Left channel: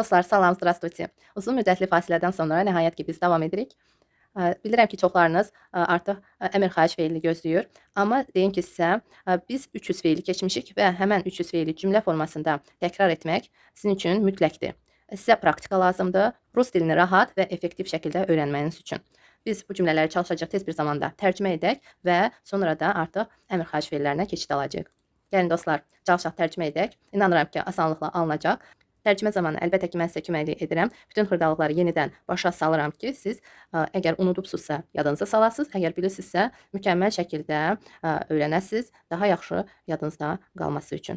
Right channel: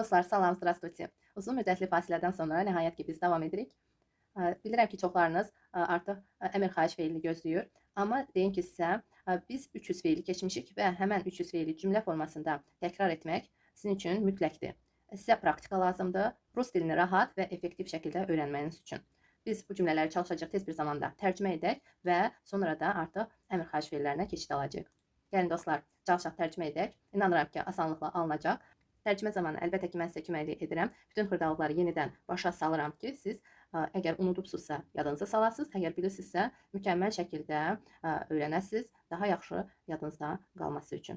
Dostlar, salam, zdravstvuyte. Uzun müddətli fasilədən sonra nəhayət ki, biz davam edirik. Bilirəm ki, çoxlarınız artıq əmr xahiş feilini gözləyir. Amma deyim ki, sizə biz 300 feili keçmişik və həmən 300 feili cümlə formasında təkrar etmək sizin üçün mütləqdir. Sizə praktika lazımdır. Rus dilini rahat və effektiv şəkildə öyrənməyiniz üçün. Biz bu cümlələri çalışacaq tez bir zamanda tərcümə edək və sonra da artıq əmr xahiş feillərinə keçid alacağıq. Gəlin dostlar, çalışaq tərcümə edək. İnanıram ki, asanlıqla alınacaq. Tərcümə zamanı əlbəttə ki, mən sizə köməklik edirəm. Bütün xırdalıqları yenidən başa salıram ki, siz əgər unudubsuzsa yadınıza salasınız, əgər bilirsinizsə mükəmməl şəkildə öyrənəsiniz, daha yaxşı yadınızda qalması üçün.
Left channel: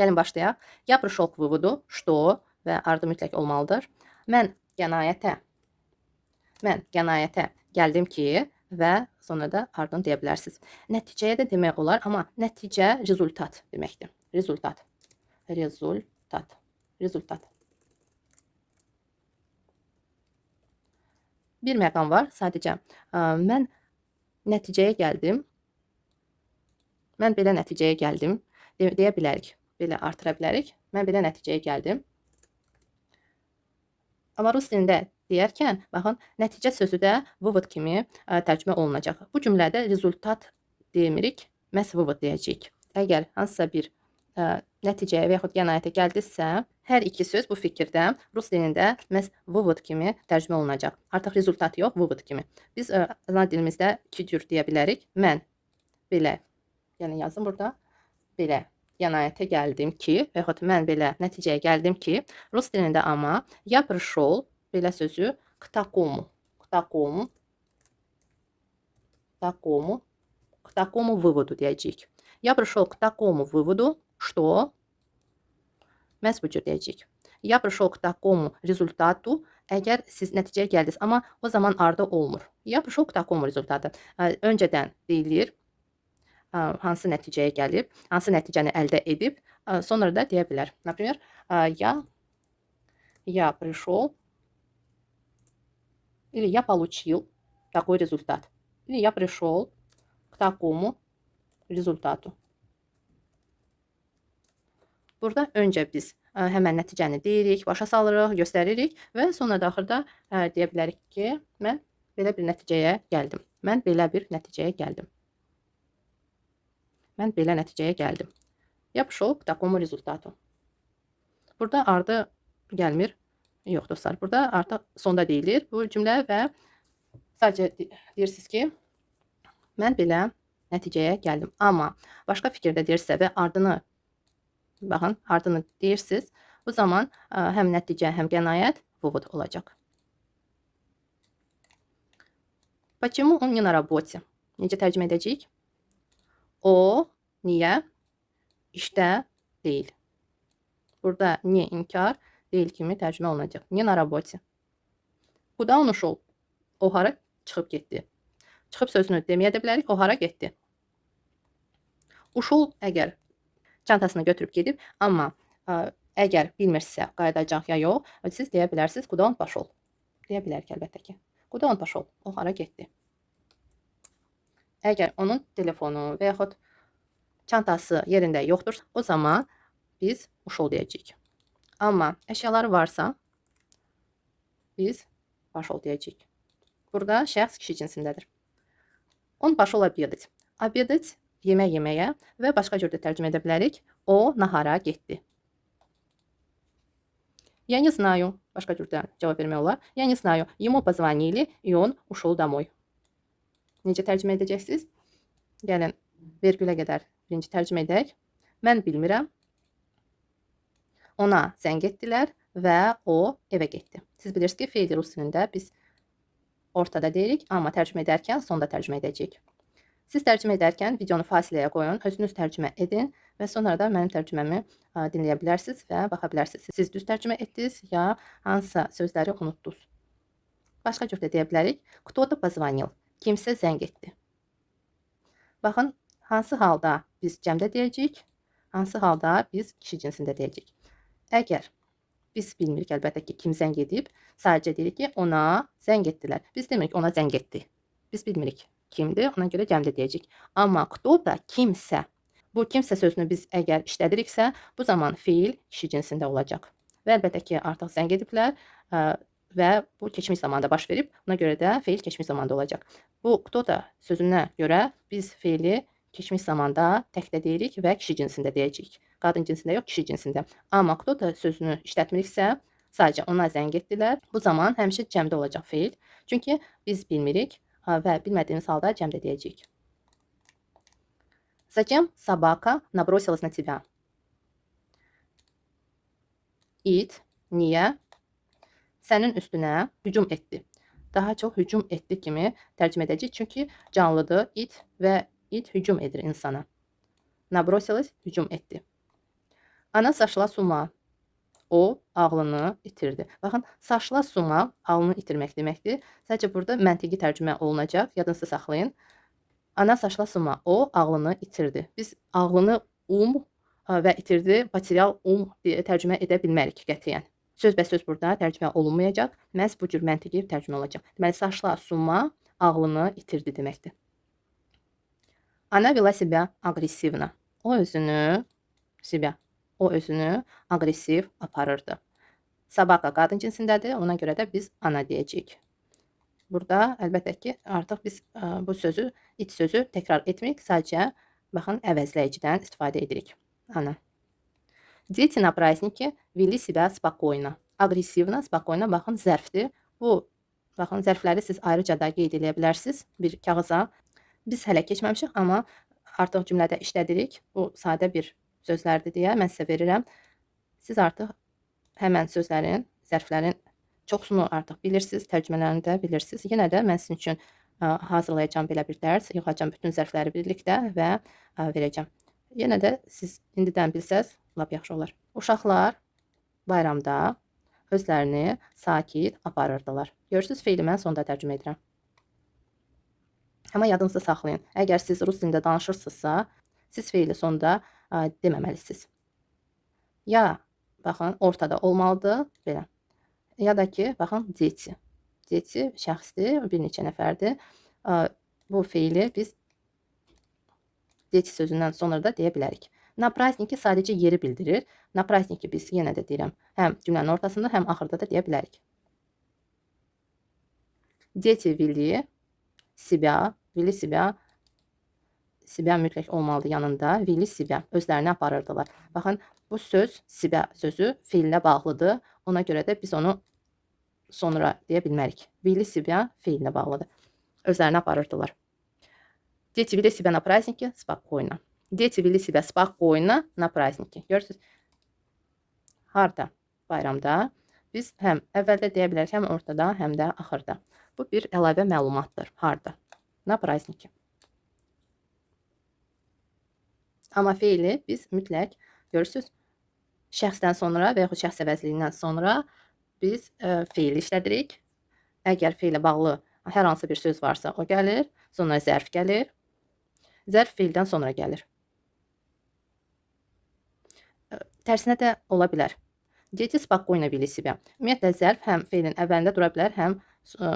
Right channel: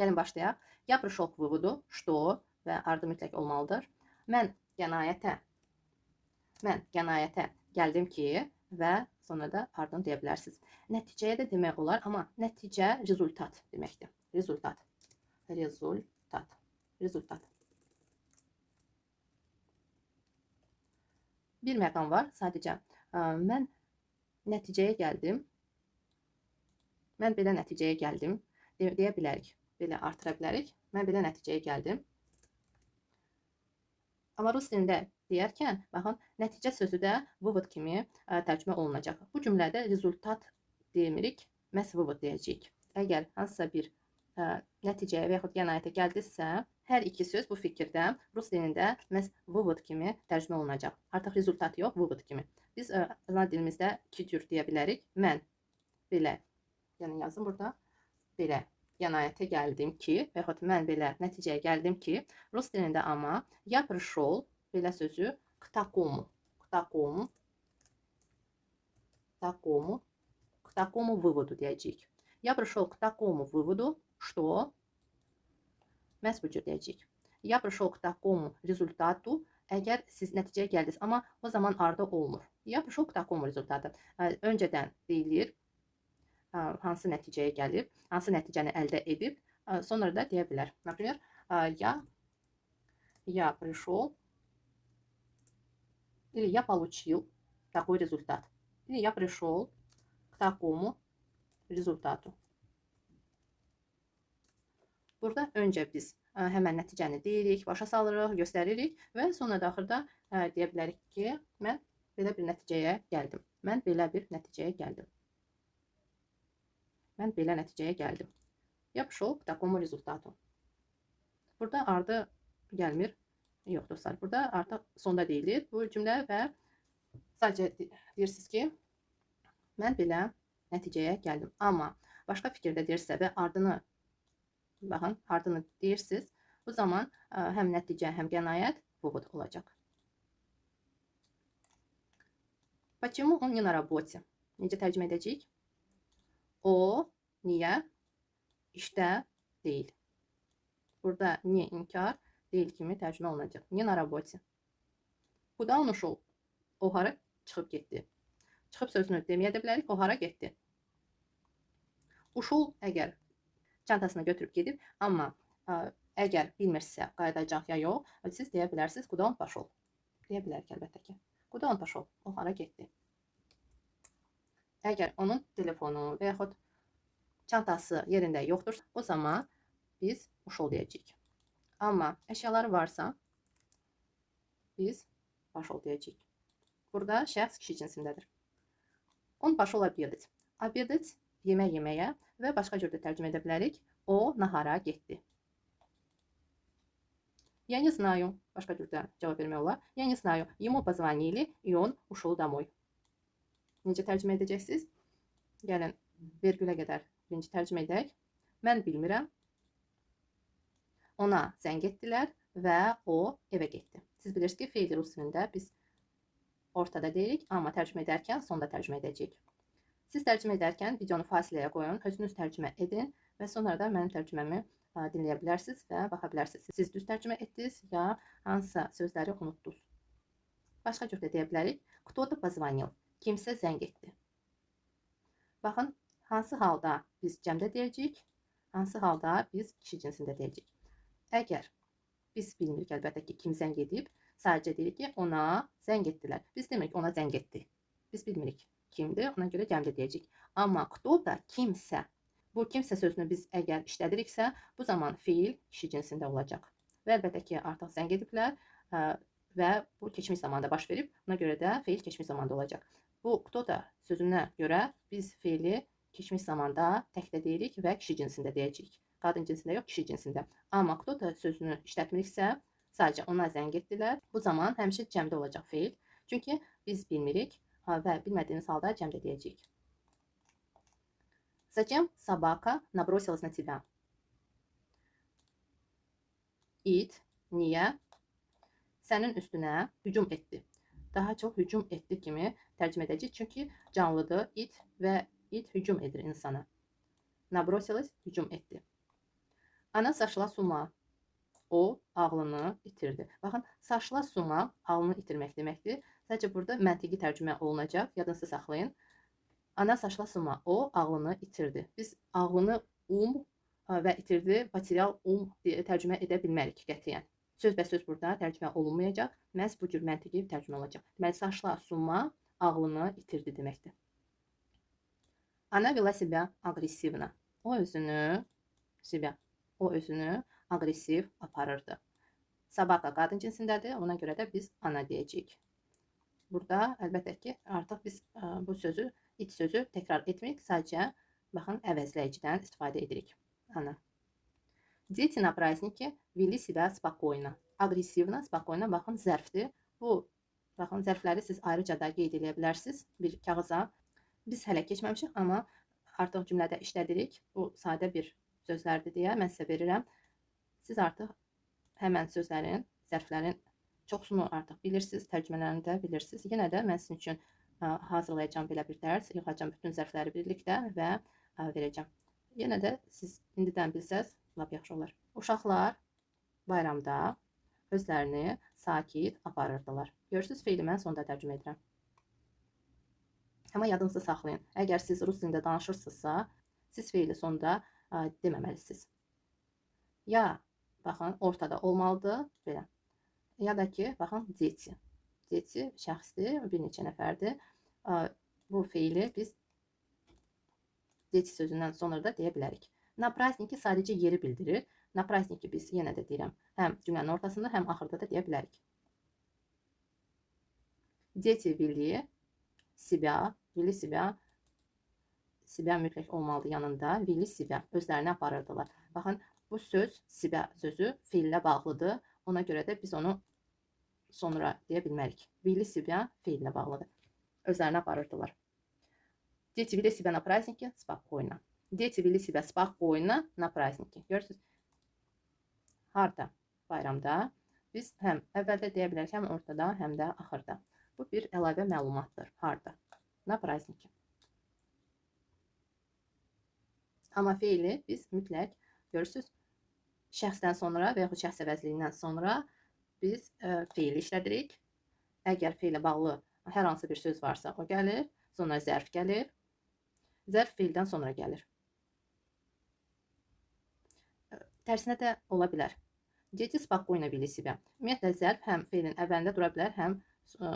Gəlin başlayaq. Я пришел к выводу, что və ardı mütləq olmalıdır. Mən qənaətə gəldim ki və sonra da ardını deyə bilərsiniz. Nəticəyə də demək olar, amma nəticə rezultat deməkdir. Rezultat. Rezultat. Bir məqam var, sadəcə mən nəticəyə gəldim. Mən belə nəticəyə gəldim deyə bilərik. Belə artıra bilərik. Mən belə nəticəyə gəldim. Amma rus dilində deyərkən, baxın, nəticə sözü də vывод kimi tərcümə olunacaq. Bu cümlədə rezultat demirik, məhz vывод deyəcəyik. Əgər hansısa bir nəticəyə və yaxud qənaətə gəldinizsə, hər iki söz bu fikirdə rus dilində məhz vывод kimi tərcümə olunacaq. Artıq rezultat yox, vывод kimi. Biz ana dilimizdə iki cür deyə bilərik. Mən belə, yəni yazın burada, belə qənaətə gəldim ki, və yaxud mən belə nəticəyə gəldim ki, rus dilində amma я пришел belə sözü к такому выводу deyəcəyik. Я пришел к такому выводу, что məhz bu cür deyəcəyik. Я пришел к такому результату, əgər siz nəticəyə gəldiniz, amma o zaman ardı olmur. Я пришел к такому результату. Öncədən deyilir, hansı nəticəyə gəlib, hansı nəticəni əldə edib, sonra da deyə bilər. Например, я пришел или я получил такой результат. Или я пришел к такому rezultatu. Burada öncə biz həmən nəticəni deyirik, başa salırıq, göstəririk və sonra da axırda deyə bilərik ki, mən belə bir nəticəyə gəldim. Mən belə bir nəticəyə gəldim. Mən belə nəticəyə gəldim. Я пришел к такому результату. Burada ardı gəlmir. Yox dostlar, burada artıq sonda deyilir bu cümlə və sadəcə deyirsiniz ki, mən belə nəticəyə gəldim. Amma başqa fikirdə deyirsə və ardını, baxın, ardını deyirsiniz, bu zaman həm nəticə, həm qənaət vывод olacaq. Почему он не на работе? Necə tərcümə edəcəyik? O niyə işdə deyil? Burada niyə inkar deyil kimi tərcümə olunacaq. Не на работе. Куда он ушел? O hara çıxıb getdi? Çıxıb sözünü deməyə də bilərik, o hara getdi? Ушел əgər çantasını götürüb gedib, amma əgər bilmirsə qayıdacaq ya yox, siz deyə bilərsiniz, куда он пошел? Deyə bilərik əlbəttə ki. Куда он пошел? O hara getdi? Əgər onun telefonu və yaxud çantası yerində yoxdur, o zaman biz ушел deyəcəyik. Amma əşyaları varsa, biz пошел deyəcəyik. Burada şəxs kişi cinsindədir. Он пошел обедать. Обедать yemək yeməyə və başqa cür də tərcümə edə bilərik. O nahara getdi. Я не знаю. Başqa cür də cavab vermək olar. Я не знаю. Ему позвонили, и он ушел домой. Necə tərcümə edəcəksiniz? Gəlin, vergülə qədər birinci tərcümə edək. Mən bilmirəm. Ona zəng etdilər və o evə getdi. Siz bilirsiniz ki, feil rus dilində biz ortada deyirik, amma tərcümə edərkən sonda tərcümə edəcəyik. Siz tərcümə edərkən videonu fasiləyə qoyun, özünüz tərcümə edin və sonra da mənim tərcüməmi dinləyə bilərsiniz və baxa bilərsiniz. Siz düz tərcümə etdiniz ya hansısa sözləri unutdunuz. Başqa cür də deyə bilərik. Кто-то позвонил. Kimsə zəng etdi. Baxın, hansı halda biz cəmdə deyəcəyik, hansı halda biz kişi cinsində deyəcəyik. Əgər biz bilmirik əlbəttə ki, kim zəng edib, sadəcə deyirik ki, ona zəng etdilər. Biz demirik ona zəng etdi. Biz bilmirik kimdir, ona görə cəmdə deyəcəyik. Amma кто da kimsə, Bu kimsə sözünü biz əgər işlədiriksə, bu zaman feil kişi cinsində olacaq. Və əlbəttə ki, artıq zəng ediblər və bu keçmiş zamanda baş verib. Buna görə də feil keçmiş zamanda olacaq. Bu кто da sözünə görə biz feili keçmiş zamanda təkdə deyirik və kişi cinsində deyəcəyik. Qadın cinsində yox, kişi cinsində. Amma кто da sözünü işlətmiriksə, sadəcə ona zəng etdilər. Bu zaman həmişə cəmdə olacaq feil. Çünki biz bilmirik və bilmədiyimiz halda cəmdə deyəcəyik. Затем собака набросилась на тебя. İt, niyə? Sənin üstünə hücum etdi. Daha çox hücum etdi kimi tərcümə edəcəyik. Çünki canlıdır, it və it hücum edir insana. Nabrosilась hücum etdi. Ana sошла с ума. O ağlını itirdi. Baxın, sошла с ума ağlını itirmək deməkdir. Sadəcə burada məntiqi tərcümə olunacaq. Yadınızda saxlayın. Ana sошла с ума. O ağlını itirdi. Biz ağlını və itirdi, material deyə tərcümə edə bilmərik qətiyyən. Sözbəsöz burada tərcümə olunmayacaq. Məhz bu cür məntiqi tərcümə olacaq. Deməli, sошла с ума ağlını itirdi deməkdir. Она вела себя агрессивно. O özünü aqressiv aparırdı. Собака qadın cinsindədir. Ona görə də biz ana deyəcəyik. Burada əlbəttə ki, artıq biz bu sözü, it sözü təkrar etmirik. Sadəcə, baxın, əvəzləyicidən istifadə edirik. Ana. Дети на празднике вели себя спокойно. Агрессивно, spokойно, baxın, zərfdir. Bu, baxın, zərfləri siz ayrıca da qeyd edə bilərsiniz bir kağıza. Biz hələ keçməmişik, amma artıq cümlədə işlədirik. Bu sadə bir sözlərdir deyə mən sizə verirəm. Siz artıq həmən sözlərin, zərflərin çoxsunu artıq bilirsiniz, tərcümələrini də bilirsiniz. Yenə də mən sizin üçün hazırlayacağım belə bir dərs, yığacağım bütün zərfləri birlikdə və verəcəm. Yenə də siz indidən bilsəz, lap yaxşı olar. Uşaqlar bayramda özlərini sakit aparırdılar. Görürsünüz, feili mən sonda tərcümə edirəm. Amma yadınızda saxlayın. Əgər siz rus dilində danışırsınızsa, siz feili sonda deməməlisiniz. Ya, baxın, ortada olmalıdır, belə. Ya da ki, baxın, дети. Дети şəxsdir, bir neçə nəfərdir. Bu feili biz дети sözündən sonra da deyə bilərik. Na праздники sadəcə yeri bildirir. Na праздники biz yenə də deyirəm, həm cümlənin ortasında, həm axırda da deyə bilərik. Дети вели себя mütləq olmalıdır yanında. Veli себя, özlərini aparırdılar. Baxın, bu söz, себя sözü feillə bağlıdır. Ona görə də biz onu sonra deyə bilmərik. Veli себя feillə bağlıdır. Özlərini aparırdılar. Дети вели себя на празднике спокойно. Дети veli себя спокойно на празднике. Görürsünüz? Harda? Bayramda. Biz həm əvvəldə deyə bilərik, həm ortada, həm də axırda. Bu bir əlavə məlumatdır. Harda? Na празднике. Amma feili biz mütləq, görürsünüz, şəxsdən sonra və yaxud şəxs əvəzliyindən sonra biz feili işlədirik. Əgər feillə bağlı hər hansı bir söz varsa, o gəlir. Sonra zərf gəlir. Zərf feildən sonra gəlir. Tərsinə də ola bilər. Дети спокойно вели себя. Ümumiyyətlə, zərf həm feilin əvvəlində dura bilər, həm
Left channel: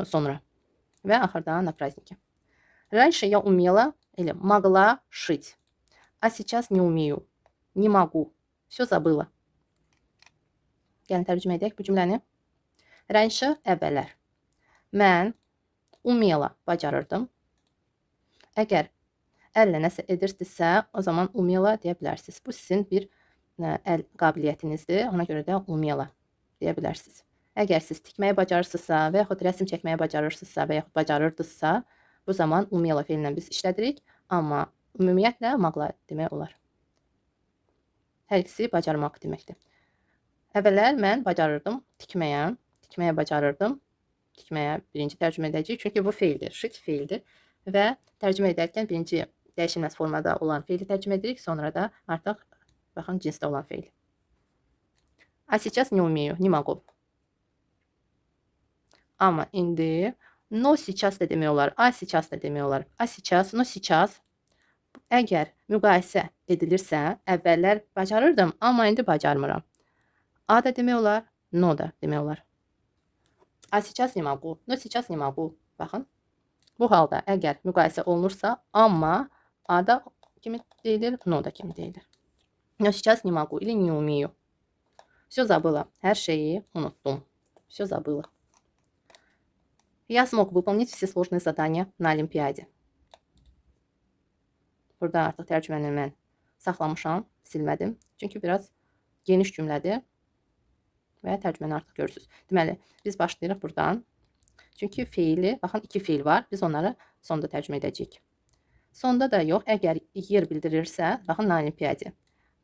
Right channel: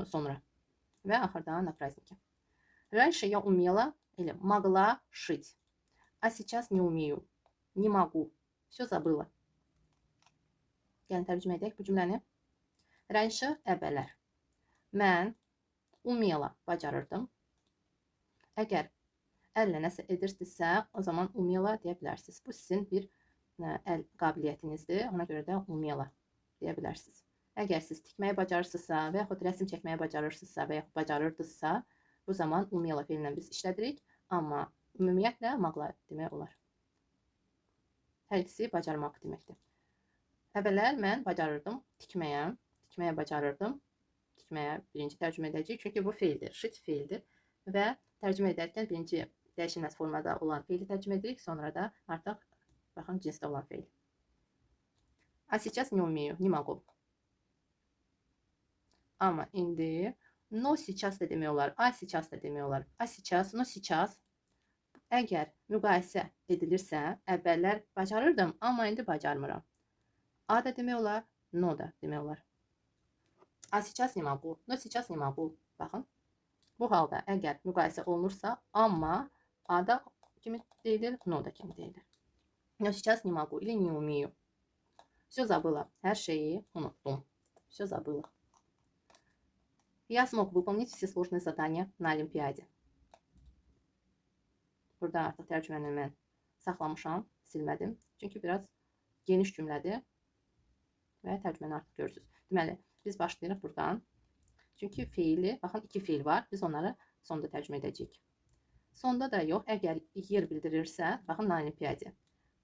sonra. Və axırda на празднике. Раньше я умела или могла шить. А сейчас не умею. Не могу. Все забыла. Gəlin tərcümə edək bu cümləni. Раньше əvvəllər. Mən умела bacarırdım. Əgər əllə nəsə edirsinizsə, o zaman умела deyə bilərsiniz. Bu sizin bir əl qabiliyyətinizdir. Ona görə də умела deyə bilərsiniz. Əgər siz tikməyi bacarırsınızsa və yaxud rəsm çəkməyi bacarırsınızsa və yaxud bacarırdınızsa, bu zaman умела feillə biz işlədirik. Amma ümumiyyətlə mogla demək olar. Hər ikisi bacarmaq deməkdir. Əvvəllər mən bacarırdım tikməyə. Tikməyə bacarırdım. Tikməyə birinci tərcümə edəcəyik. Çünki bu feildir. Şit feildir. Və tərcümə edərkən birinci dəyişilməz formada olan feili tərcümə edirik. Sonra da artıq, baxın, cinsdə olan feil. А сейчас не умею, не могу. Amma indi no сейчас da demək olar. A сейчас da demək olar. A сейчас, no сейчас. Əgər müqayisə edilirsə, əvvəllər bacarırdım, amma indi bacarmıram. A da demək olar, no da demək olar. A сейчас не могу, no сейчас не могу. Baxın. Bu halda əgər müqayisə olunursa, amma A da kimi deyilir, no da kimi deyilir. Но сейчас не могу или не умею. Все забыла. Her şeyi unuttum. Все забыла. Я смог выполнить все сложные задания на Олимпиаде. Burada artıq tərcüməni mən saxlamışam, silmədim. Çünki biraz geniş cümlədir və tərcüməni artıq görürsünüz. Deməli, biz başlayırıq buradan. Çünki feili, baxın 2 feil var. Biz onları sonda tərcümə edəcəyik. Sonda da yox, əgər yer bildirirsə, baxın na Olimpiyadi.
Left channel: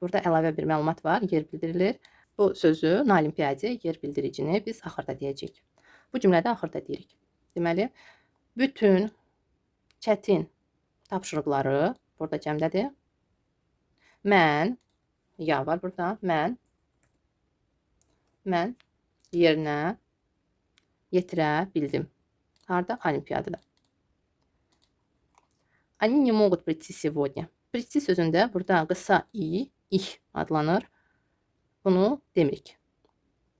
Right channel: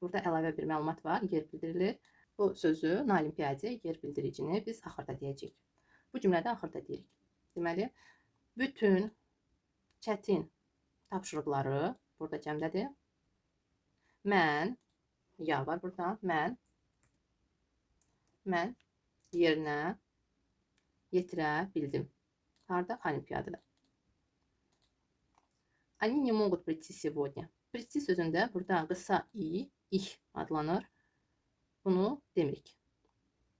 Burada əlavə bir məlumat var, yer bildirilir. Bu sözü na Olimpiyadi, yer bildiricini biz axırda deyəcəyik. Bu cümlədə axırda deyirik. Deməli, bütün çətin tapşırıqları burada cəmdədir. Mən, ya var burada, mən yerinə yetirə bildim. Harda? Olimpiyadada. Они не могут прийти сегодня. Прийти sözündə burada qısa ih adlanır. Bunu demirik.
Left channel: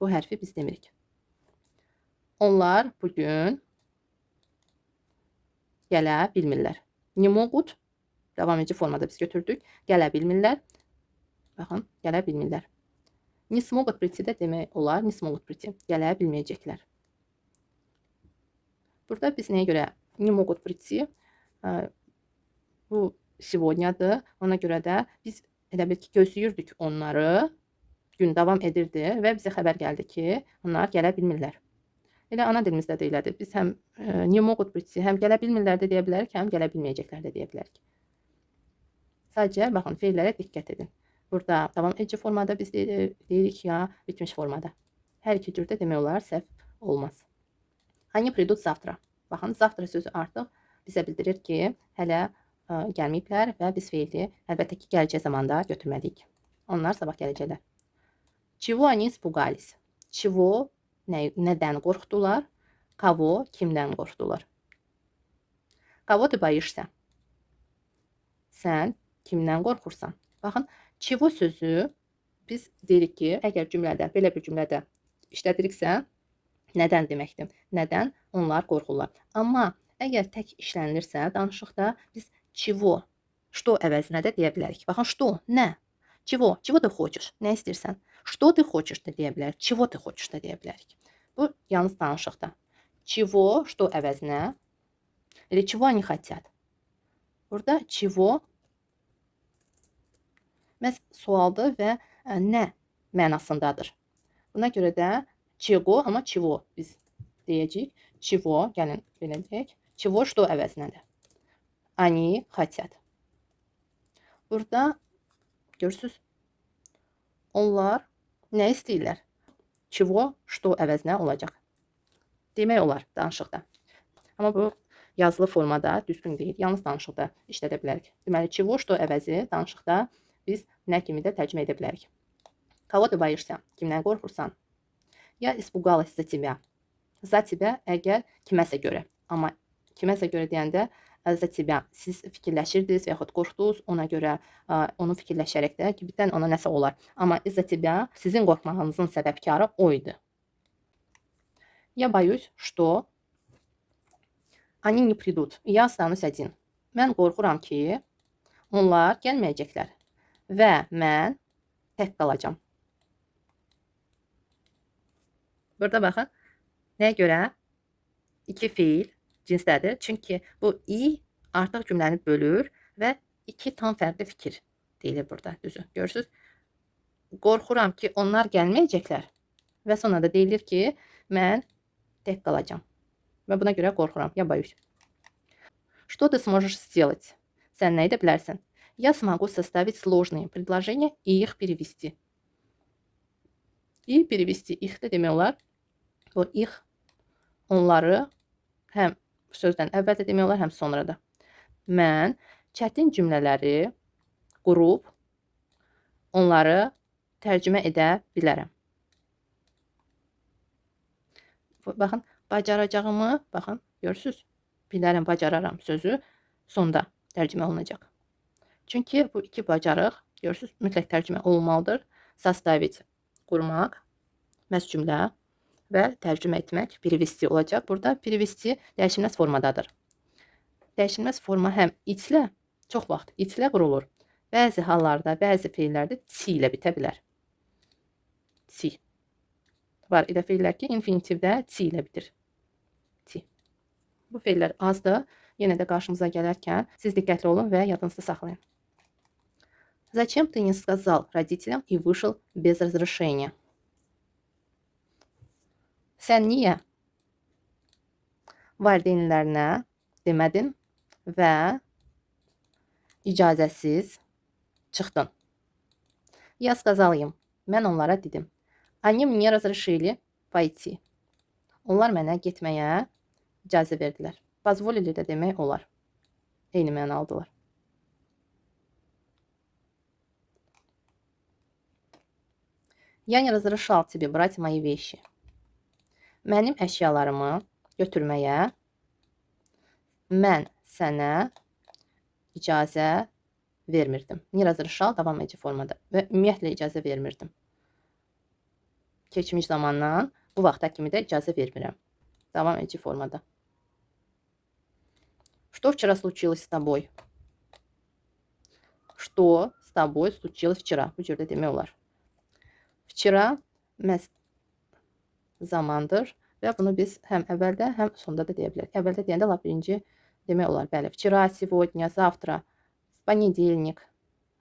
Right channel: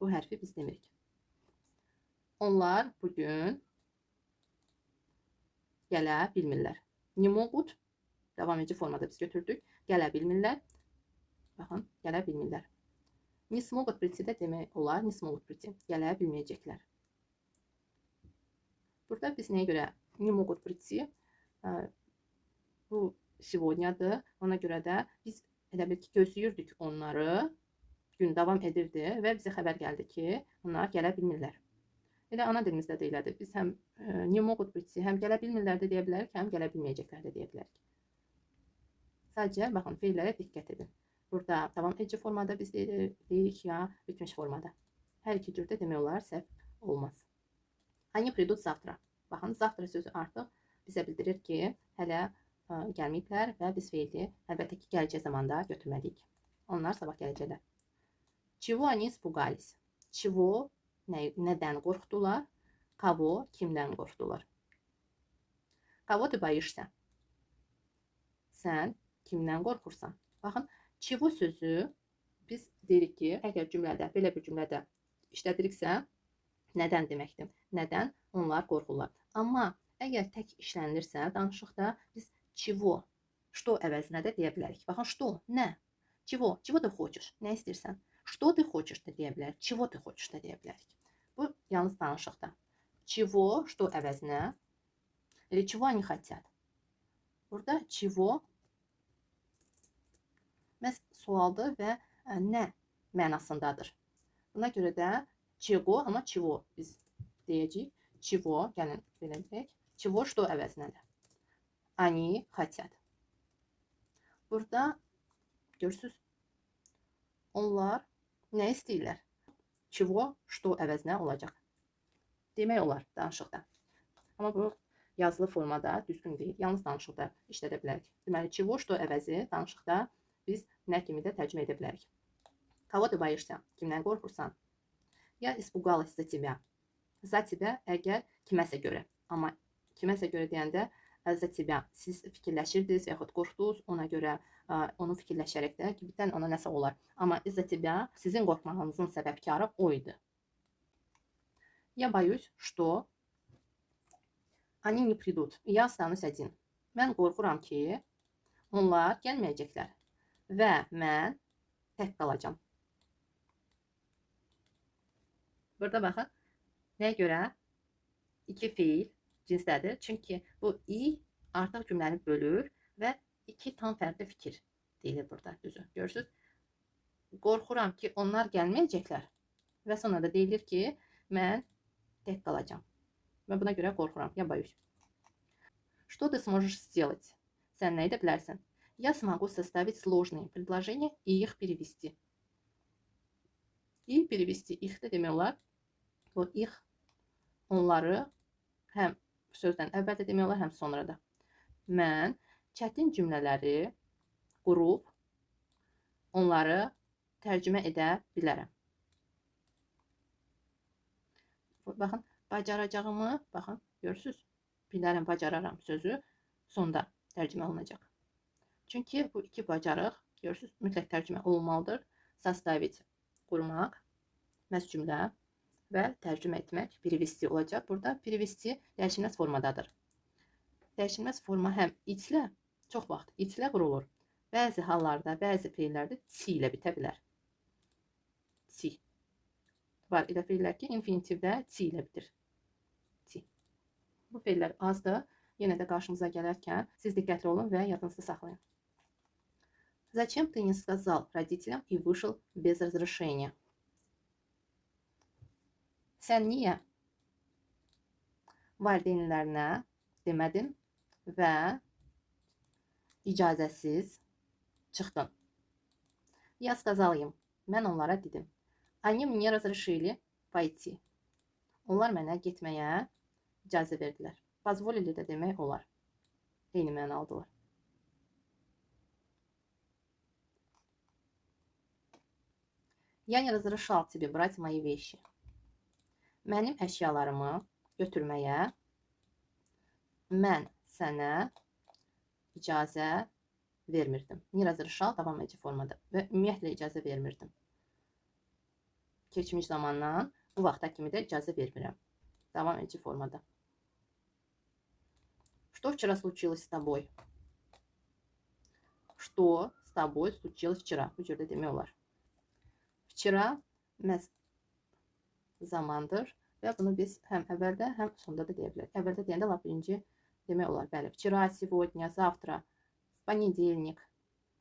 Bu hərfi biz demirik. Onlar bugün gələ bilmirlər. Не могут devam edici formada biz götürdük. Gələ bilmirlər. Baxın, gələ bilmirlər. Не смогут прийти də demək olar. Не смогут прийти. Gələ bilməyəcəklər. Burada biz nəyə görə не могут прийти? Bu сегодняdır. Ona görə də biz elə bil ki, gözləyirdik onları. Gün davam edirdi və bizə xəbər gəldi ki, onlar gələ bilmirlər. Elə ana dilimizdə də elədir. Biz həm не могут прийти, həm gələ bilmirlər də deyə bilərik, həm gələ bilməyəcəklər də deyə bilərik. Sadəcə baxın, feillərə diqqət edin. Burada davam edici formada biz deyirik ya, bitmiş formada. Hər iki cürdə demək olar, səhv olmaz. Они придут завтра. Baxın, завтра sözü artıq bizə bildirir ki, hələ gəlməyiblər və biz feili əlbəttə ki, gələcək zamanda götürməliyik. Onlar sabah gələcəklər. Чего они испугались? Чего, nədən qorxdular? Kavo, kimdən qorxdular? Kavo ты boишься? Sən kimdən qorxursan? Baxın, çivo sözü biz deyirik ki, əgər cümlədə, belə bir cümlədə işlədiriksə, nədən deməkdir? Nədən onlar qorxurlar? Amma əgər tək işlənilirsə, danışıqda biz çivo, что əvəzinə də deyə bilərik. Baxın, что, nə? Çivo ты хочешь? Nə istəyirsən? Что ты хочешь da deyə bilərik. Çivo ты хочешь da deyə bilərik. Bu yalnız danışıqda. Çivo, что əvəzinə? Или чего они хотят? Burada çivo məhz sualdır və nə mənasındadır. Buna görə də çigo, amma çivo biz deyəcəyik. Çivo, gəlin belə deyək. Çivo, что əvəzinədir. Они хотят. Burada görürsünüz, onlar nə istəyirlər? Çivo, что əvəzinə olacaq. Demək olar danışıqda. Amma bu yazılı formada düzgün deyil. Yalnız danışıqda işlədə bilərik. Deməli, çivo, что əvəzi danışıqda biz nə kimi də tərcümə edə bilərik. Kavo ты boишься? Kimdən qorxursan? Я испугалась за тебя. За тебя əgər kiməsə görə. Amma kiməsə görə deyəndə за тебя siz fikirləşirdiniz və yaxud qorxdunuz, ona görə onu fikirləşərək də ki, birdən ona nəsə olar. Amma за тебя sizin qorxmağınızın səbəbkarı o idi. Я боюсь, что они не придут. Я останусь один. Mən qorxuram ki, onlar gəlməyəcəklər və mən tək qalacağam. Burada baxın, nəyə görə? İki fiil cinsdədir. Çünki bu i artıq cümləni bölür və iki tam fərqli fikir deyilir burada. Düzü, görürsünüz? Qorxuram ki, onlar gəlməyəcəklər və sonra da deyilir ki, mən tək qalacağam. Və buna görə qorxuram. Я боюсь. Что ты сможешь сделать? Sən nə edə bilərsən? Я смогу составить сложные предложения и их перевести. И перевести их də demək olar. Bu их onları həm sözdən əvvəl də demək olar, həm sonra da. Mən çətin cümlələri qurub onları tərcümə edə bilərəm. Baxın, bacaracağımı, baxın, görürsünüz? Bilərəm, bacararam sözü sonda tərcümə olunacaq. Çünki bu iki bacarıq, görürsünüz, mütləq tərcümə olmalıdır. Составить, qurmaq, məhz cümlə və tərcümə etmək, перевести olacaq. Burada перевести dəyişilməz formadadır. Dəyişilməz forma həm içlə, Çox vaxt it ilə qurulur. Bəzi hallarda, bəzi feillərdə ci ilə bitə bilər. Ci. Var elə feillər ki, infinitivdə ci ilə bitir. Ci. Bu feillər azdır. Yenə də qarşımıza gələrkən siz diqqətli olun və yadınızda saxlayın. Зачем ты не сказал родителям и вышел без разрешения? Sən niyə valideynlərinə demədin və icazəsiz çıxdın? Я сказал им. Mən onlara dedim. Они мне разрешили пойти. Onlar mənə getməyə icazə verdilər. Позволили də demək olar. Eyni mənalıdırlar. Я не разрешал тебе брать мои вещи. Mənim əşyalarımı götürməyə mən sənə icazə vermirdim. Не разрешал davam edici formada və ümumiyyətlə icazə vermirdim. Keçmiş zamandan bu vaxta kimi də icazə vermirəm. Davam edici formada. Что вчера случилось с тобой? Что с тобой случилось вчера? Bu cürdə demək olar. Vчера zamandır və bunu biz həm əvvəldə, həm sonda da deyə bilərik. Əvvəldə deyəndə lap birinci demək olar. Bəli, vчера, сегодня, завтра, в понедельник,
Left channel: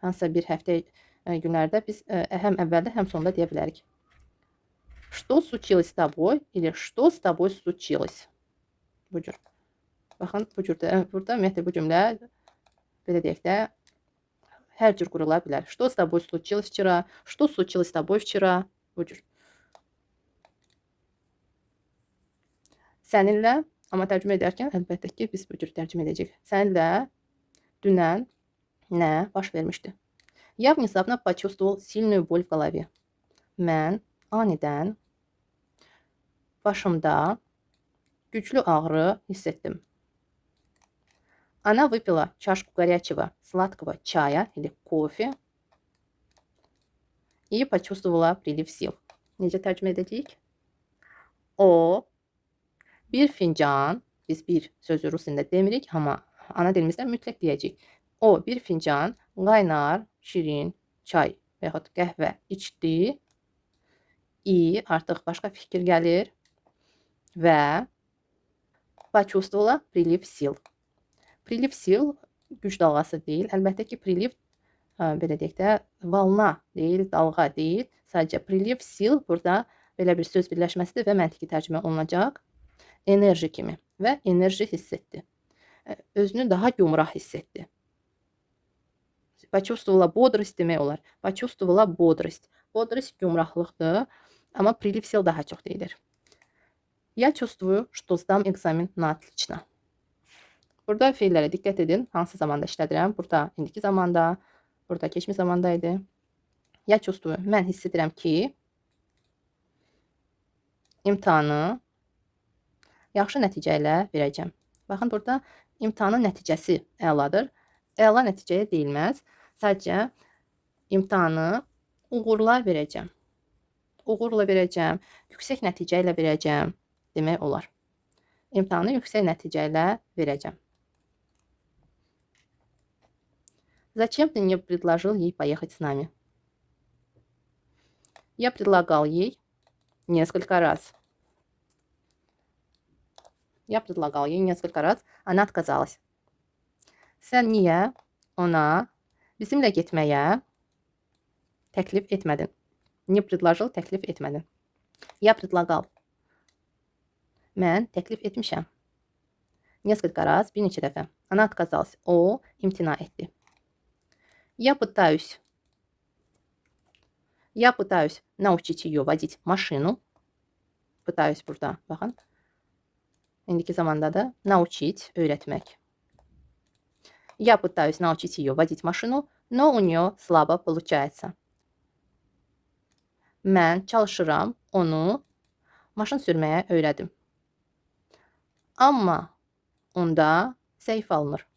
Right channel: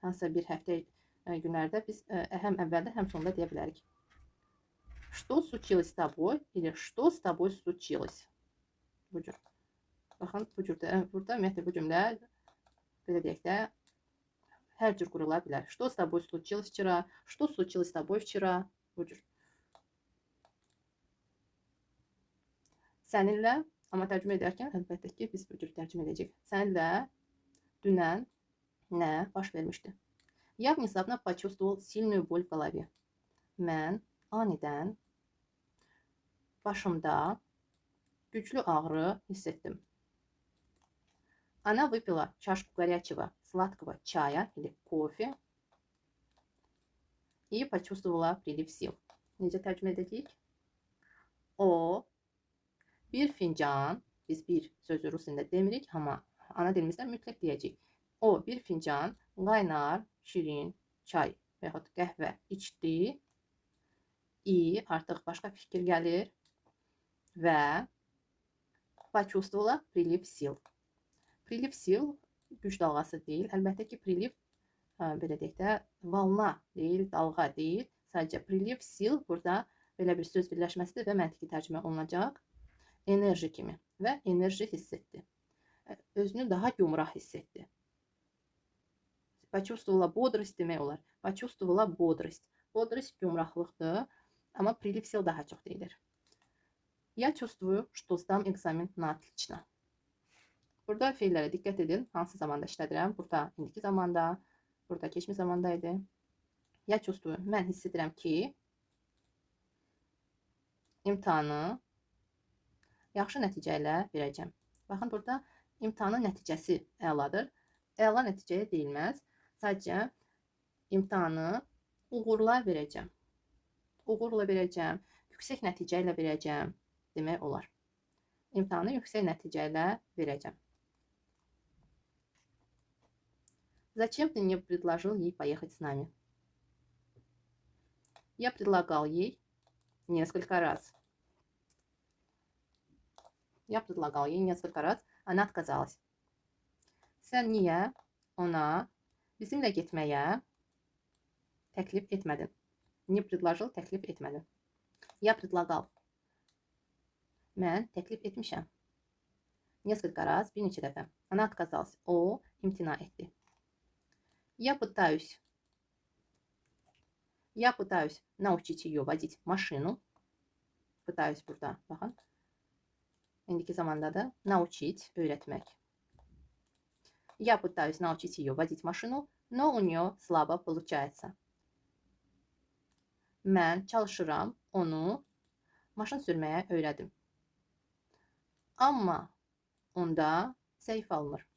hansısa bir həftə günlərdə biz həm əvvəldə, həm sonda deyə bilərik. Что случилось с тобой или что с тобой случилось? Bu cür. Baxın, bu cürdə, burada ümumiyyətlə bu cümlə belə deyək də hər cür qurula bilər. Что с тобой случилось вчера? Что случилось с тобой вчера? Bu cür. Səninlə, amma tərcümə edərkən əlbəttə ki, biz bu cür tərcümə edəcəyik. Səninlə dünən nə baş vermişdi? Я внезапно почувствовал сильную боль в голове. Mən anidən başımda güclü ağrı hiss etdim. Она выпила чашку горячего сладкого чая или кофе и почувствовала прилив сил. Necə tərcümə edəcəyik? O bir fincan, biz bir sözü rus dilində demirik, amma ana dilimizdə mütləq deyəcəyik. O bir fincan qaynar, şirin çay və yaxud qəhvə içdi. И artıq başqa fikir gəlir və почувствовала прилив сил. Priliv sil güc dalğası deyil. Əlbəttə ki, priliv belə deyək də valna deyil, dalğa deyil. Sadəcə priliv sil burada belə bir söz birləşməsidir və məntiqi tərcümə olunacaq. Enerji kimi və enerji hiss etdi. Özünü daha gümrah hiss etdi. Почувствовала бодрость demək olar. Почувствовала бодрость. Бодрость gümrahlıqdır, amma priliv sil daha çox deyilir. Я чувствую, что сдам экзамен на отлично. Burada feillərə diqqət edin. Hansı zamanda işlədirəm? Burada indiki zamanda, burada keçmiş zamanda idi. Ya çustuyu. Mən hiss edirəm ki, imtahanı yaxşı nəticə ilə verəcəm. Baxın, burada imtahanın nəticəsi əladır. Əla nəticəyə deyilməz. Sadəcə imtahanı uğurla verəcəm. Uğurla verəcəm, yüksək nəticə ilə verəcəm demək olar. İmtahanı yüksək nəticə ilə verəcəm. Зачем ты не предложил ей поехать с нами? Я предлагал ей несколько раз. Она отказалась. Sən niyə ona bizimlə getməyə təklif etmədin? Не предложил, təklif etmədin. Я предлагал. Mən təklif etmişəm. Несколько раз, bir neçə dəfə. Она отказалась. O imtina etdi. Я пытаюсь научить ее водить машину. Pытаюсь burada, baxın. İndiki zamanda da научить, öyrətmək. Я пытаюсь научить ее водить машину, но у нее слабо получается. Mən çalışıram onu maşın sürməyə öyrədim. Amma onda zəif alınır.